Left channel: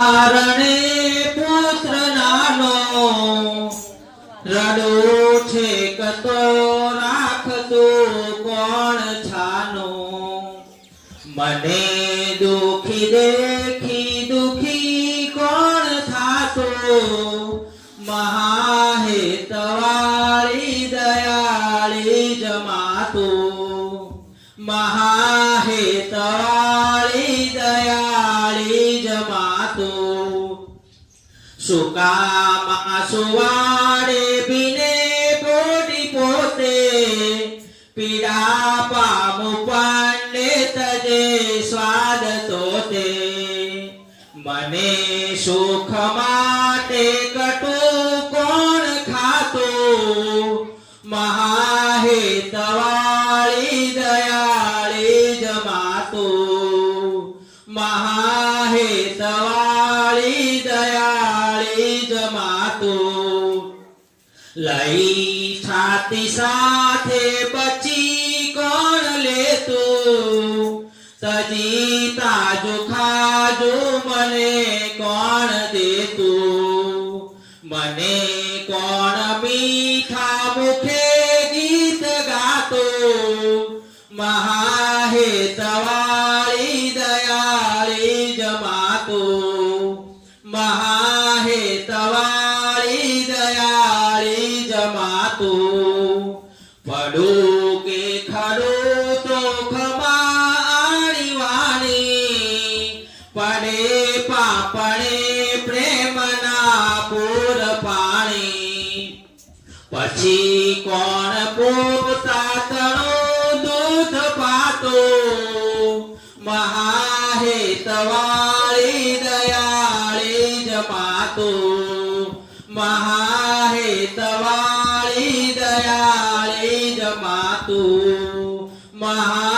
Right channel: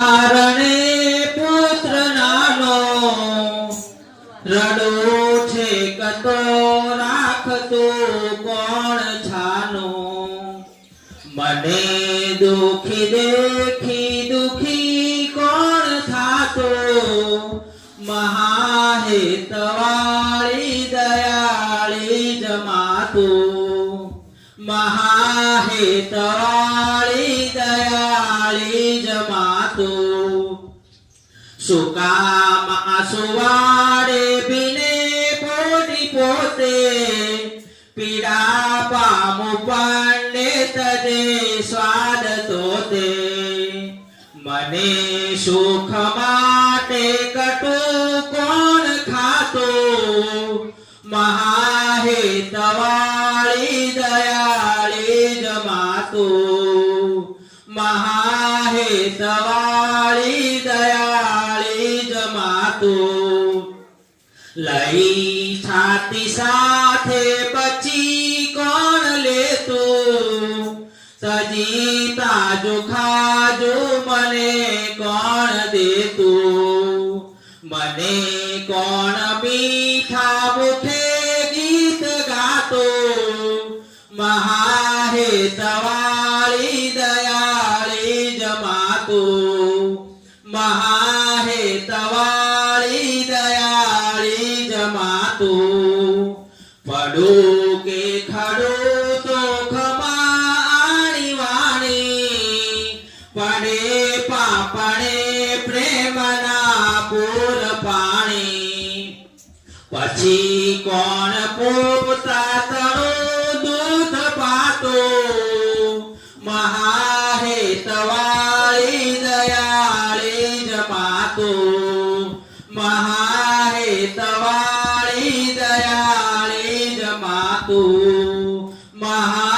કારણે પુત્ર નાનો રડો છે કતો રાખતો કોણ છાનો મને દુખી દેખી દુખી કોણ થાતો મહાહેતવાળી દયાળી જમાતો મહાહેતવાળી દયાળી જમાતો સુકામાં સુવાડે બિને પોટી પોતે પીડા પામુ પાંડે તજે સ્વાદ તોતે મને સુખ માટે કટુ કોણ ખાતો મહાહેતવાળી દયાળી જમાતો મહાહેતવાળી દયાળી જમાતો લઈ છાતી સાથે બચી કોણ લેતો તજી તાજો ખાજો મને કોણ દેતું મને કોણ મીઠા મુખે ગીત ગાતો મહાહેતવાળી દયાળી જમાતો મહાહેતવાળી દયાળી જમાતો પડું કે ખડું તો ખમાણી વાણી પડે પાપણે પ્રેમના પૂર પાણી પછી કોણ પોતાતણું દૂધ પાતો મહાહેતવાળી દયાળી જમાતો મહાહેતવાળી દયાળી જમાતો મહા